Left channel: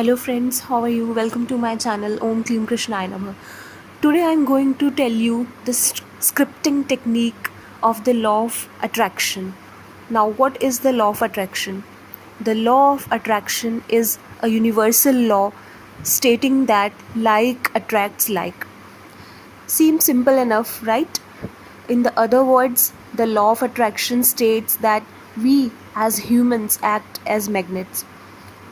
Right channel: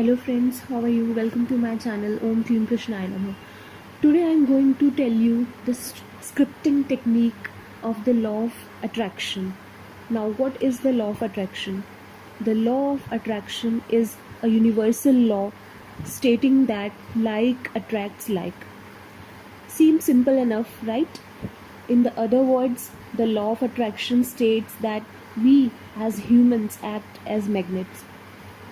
Hello friends, how are you? Welcome to my channel Om Klim Krishnaya Namah. Today I am going to tell you the scripting technique of the law of attraction. Now what is the law of attraction? The law of attraction is a universal law stating that like attracts like. Seems simple enough, right? In the other words, the law of attraction states that we as humans act as magnets.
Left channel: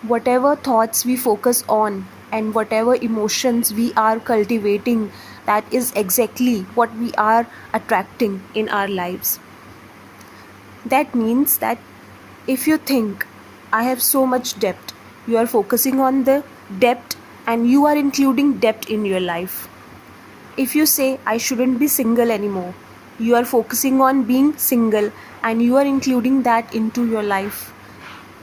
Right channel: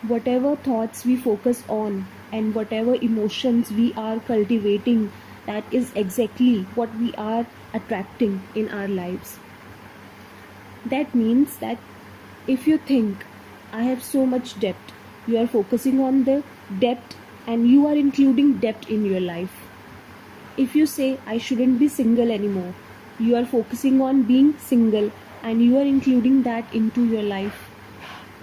Whatever thoughts we focus on and whatever emotions we are cultivating, that is exactly what we are attracting in our lives. That means that if you think, I have so much debt, you are focusing on the debt and you are including debt in your life. If you say, I shouldn't be single anymore, you are focusing on being single and you are including that into your life.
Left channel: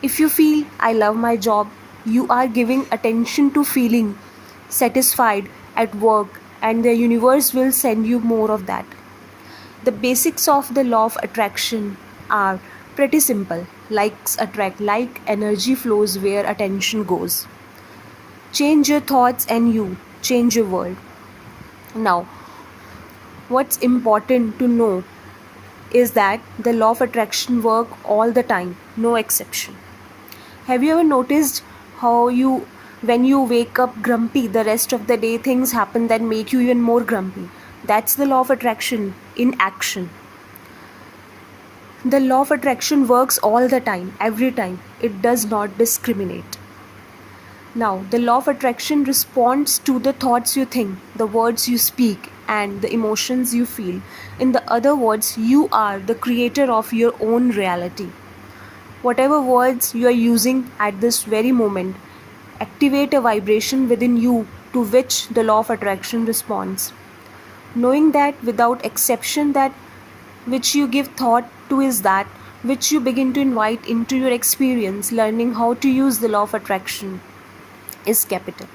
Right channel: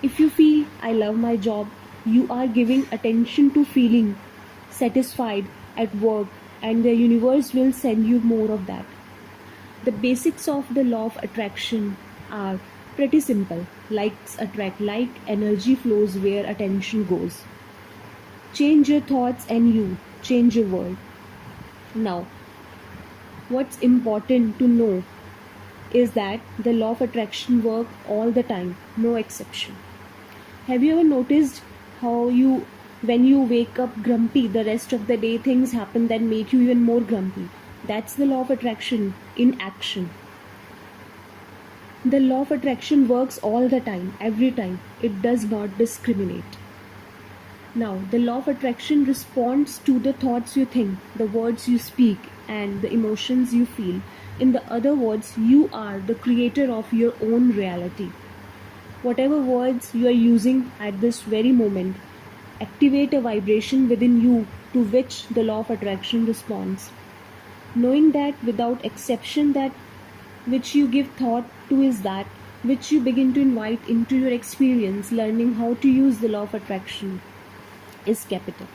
If you feel, I love my job, you are giving attention to feeling satisfied at work, and the universe will send you more of that. The basics of the law of attraction are pretty simple. Likes attract like, energy flows where attention goes. Change your thoughts and you change your world. Now, what's important to know is that the law of attraction work all the time, no exception. Have you ever noticed how when you wake up grumpy, the rest of the day things happen that make you even more grumpy? That's the law of attraction in action. The law of attraction works all the time, every time. It does not discriminate. Now, the law of attraction responds to the thoughts you think, the words you speak, and the emotions you feel. In the other words, you are the creator of your own reality. Whatever words you are using at this very moment activate a vibration within you to which the law of attraction responds. Knowing that without exception, that which you give thought to is that which you begin to invite into your experience. Learning how to use the law of attraction is capital.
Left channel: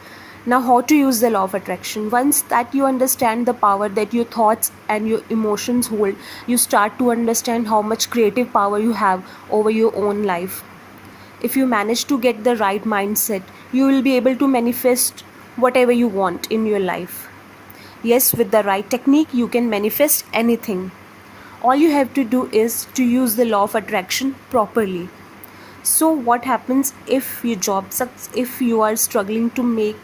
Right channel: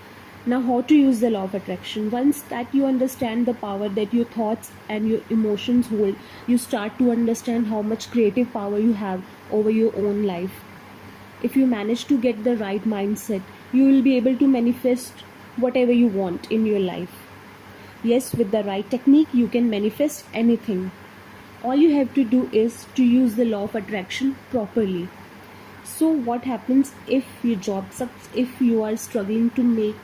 Now, how to use the law of attraction? Once that you understand the power that your thoughts and your emotions hold, you start to understand how much creative power you have over your own life. If you manage to get the right mindset, you will be able to manifest whatever you want in your life. Yes, with the right technique, you can manifest anything. All you have to do is to use the law of attraction properly. So what happens if your job sucks, if you are struggling to make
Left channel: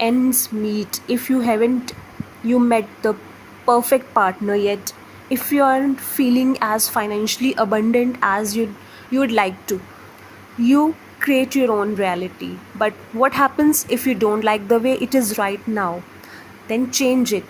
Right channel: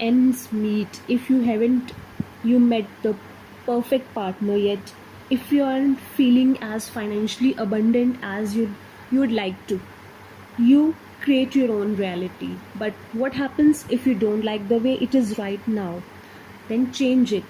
ends meet, if you haven't met the perfect partner yet, if you aren't feeling as financially abundant as you would like to, you create your own reality. But what happens if you don't like the way it is right now? Then change it.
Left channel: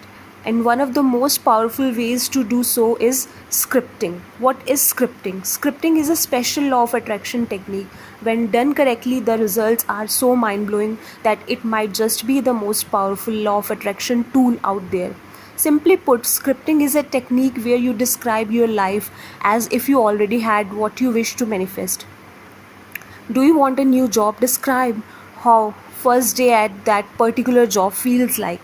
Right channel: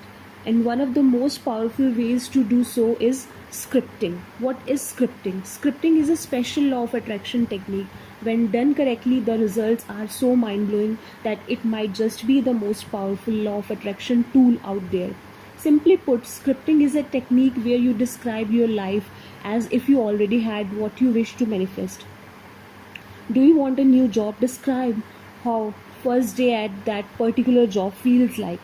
And one of the most powerful ways to do so is scripting. What is scripting? Scripting is a special law of attraction technique. When done correctly, the results are so mind-blowing that it might just be the most powerful law of attraction tool out there. Simply put, scripting is a technique where you describe your life as if you already had what you wish to manifest. Do you want a new job? Describe how first day at that particular job feels like.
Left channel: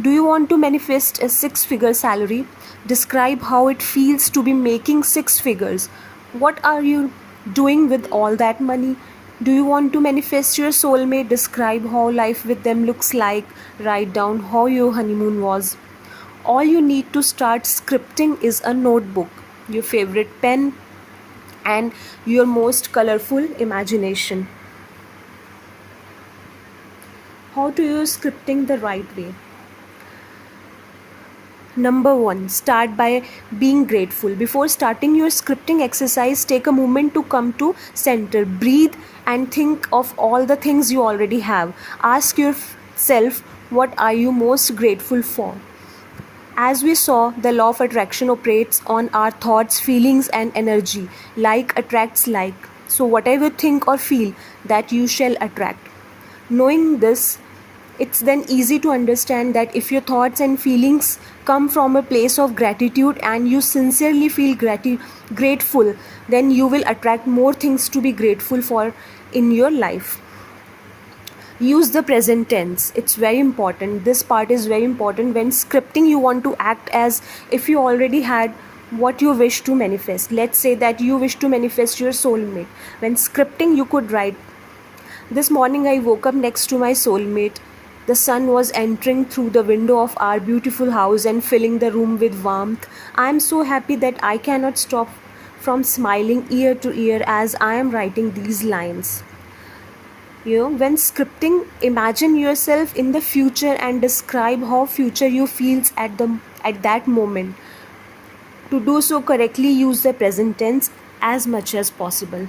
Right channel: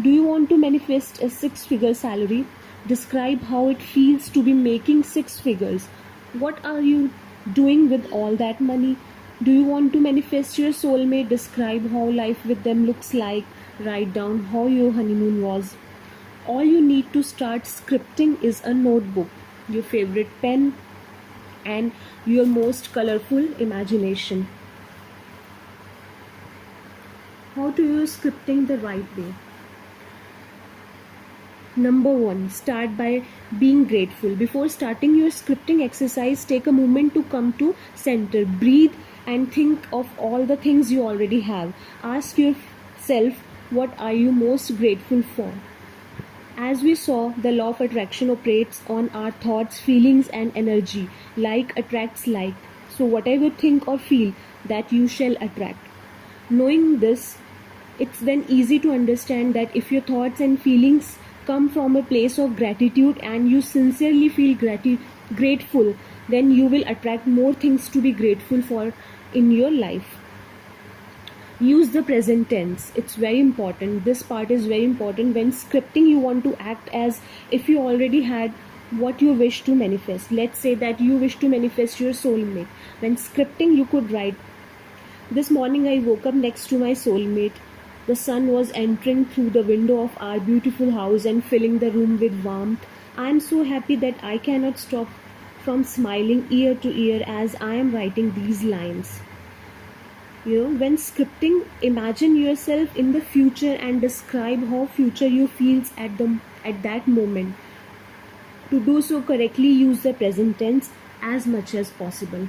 Do you want to manifest a 6-figure salary? Describe how it feels to be making 6 figures. What are you doing with all that money? Do you want to manifest your soulmate? Describe how life with them looks like. Write down how your honeymoon was. All you need to start scripting is a notebook, your favorite pen, and your most colorful imagination. How to use scripting the right way? Number 1, start by being grateful. Before starting your scripting exercise, take a moment to come to center. Breathe and think of all the things you already have. Ask yourself, what are you most grateful for? As we saw, the law of attraction operates on our thoughts, feelings, and energy. Like attracts like. So whatever you think or feel, that you shall attract. Knowing this, it's then easy to understand that if your thoughts and feelings come from a place of gratitude and you sincerely feel grateful, then you will attract more things to be grateful for in your life. Use the present tense. It's very important. This part is very important. When scripting, you want to act as if you already had what you wish to manifest. Let's say that you wish to manifest your soulmate. When scripting, you could write, This morning I woke up next to my soulmate. The sun was entering through the window of our beautiful house and filling the room with warmth. I am so happy that I cannot stop from smiling ear to ear as I am writing these lines. When scripting, imagine yourself in the future and describe how future you feels at that moment. To do so correctly, use the present tense as much as possible.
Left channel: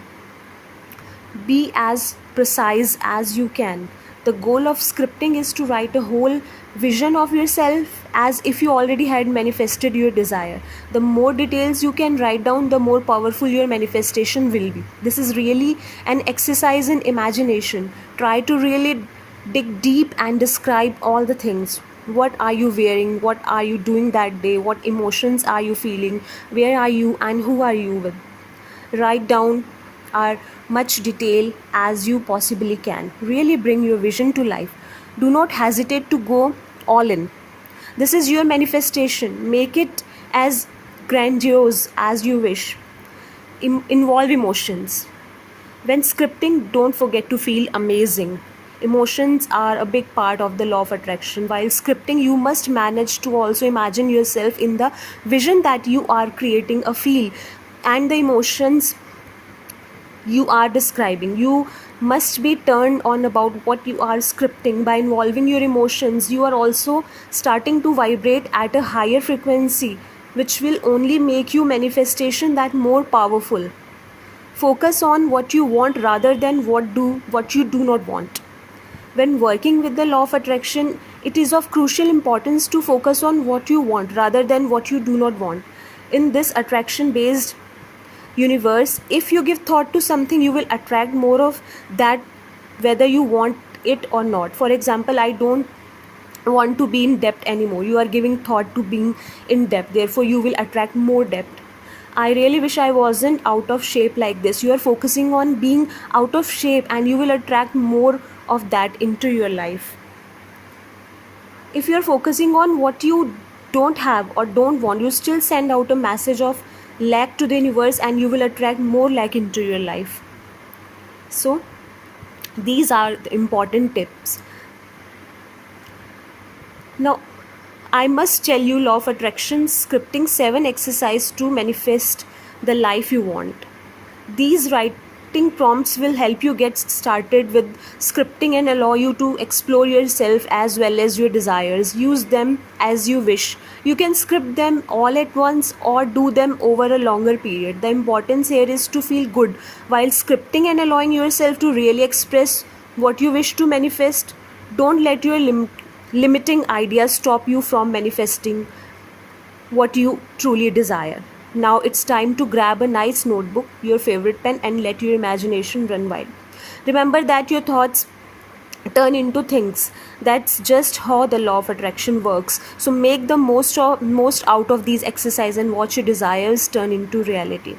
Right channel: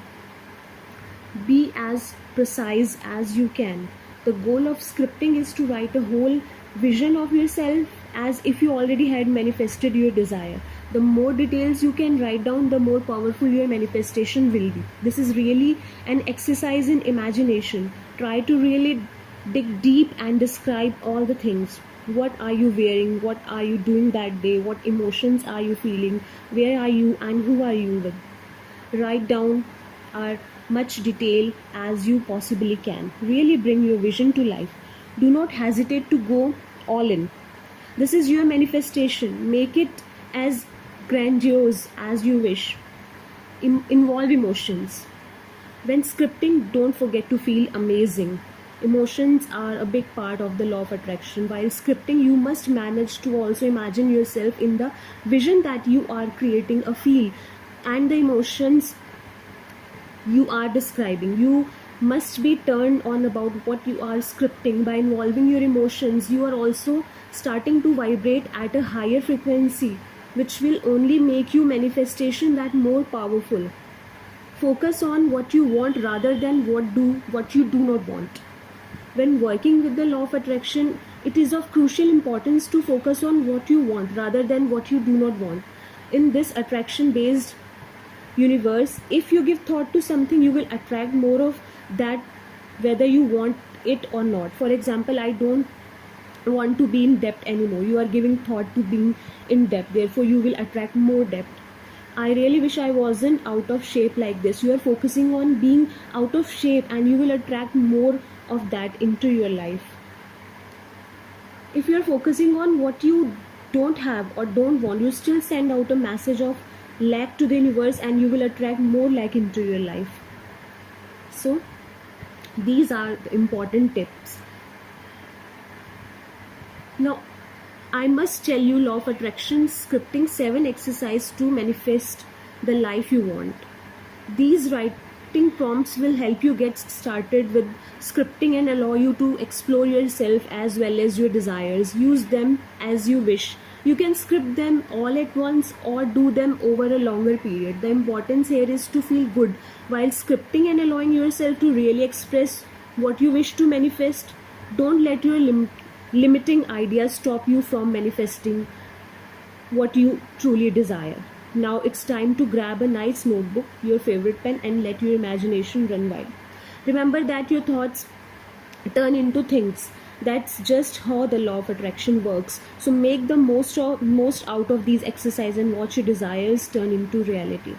Be as precise as you can. The goal of scripting is to write a whole vision of yourself as if you already had manifested your desire. The more details you can write down, the more powerful your manifestation will be. This is really an exercise in imagination. Try to really dig deep and describe all the things. What are you wearing? What are you doing that day? What emotions are you feeling? Where are you and who are you with? Write down as much detail as you possibly can. Really bring your vision to life. Do not hesitate to go all in. This is your manifestation. Make it as grandiose as you wish. Involve emotions. When scripting, don't forget to feel amazing. Emotions are a big part of the law of attraction. While scripting, you must manage to also imagine yourself in the vision that you are creating a feel and the emotions you are describing. You must be turned on about what you are scripting. By involving your emotions, you are also starting to vibrate at a higher frequency, which will only make your manifestation that more powerful. Focus on what you want rather than what you do not want. When working with the law of attraction, it is of crucial importance to focus on what you want rather than what you do not want. In this attraction based universe, if you give thought to something, you will attract more of that whether you want it or not. For example, I don't want to be in debt anymore. You are giving thought to being in debt, therefore you will attract more debt. I really wish I wasn't out of shape like this. You are focusing on being out of shape and you will attract more of that into your life. If you are focusing on what you don't have or don't want, you still send out a message of lack to the universe and you will attract more lack into your life. So these are the important tips. Now I must tell you law of attraction scripting 7 exercise to manifest the life you want. These writing prompts will help you get started with scripting and allow you to explore yourself as well as your desires. Use them as you wish. You can script them all at once or do them over a longer period. The importance here is to feel good while scripting and allowing yourself to really express what you wish to manifest. Don't let your limiting ideas stop you from manifesting what you truly desire. Now it's time to grab a nice notebook, your favorite pen, and let your imagination run wild. Remember that your thoughts turn into things. That's just how the law of attraction works. So make the most out of these exercises and watch your desires turn into reality.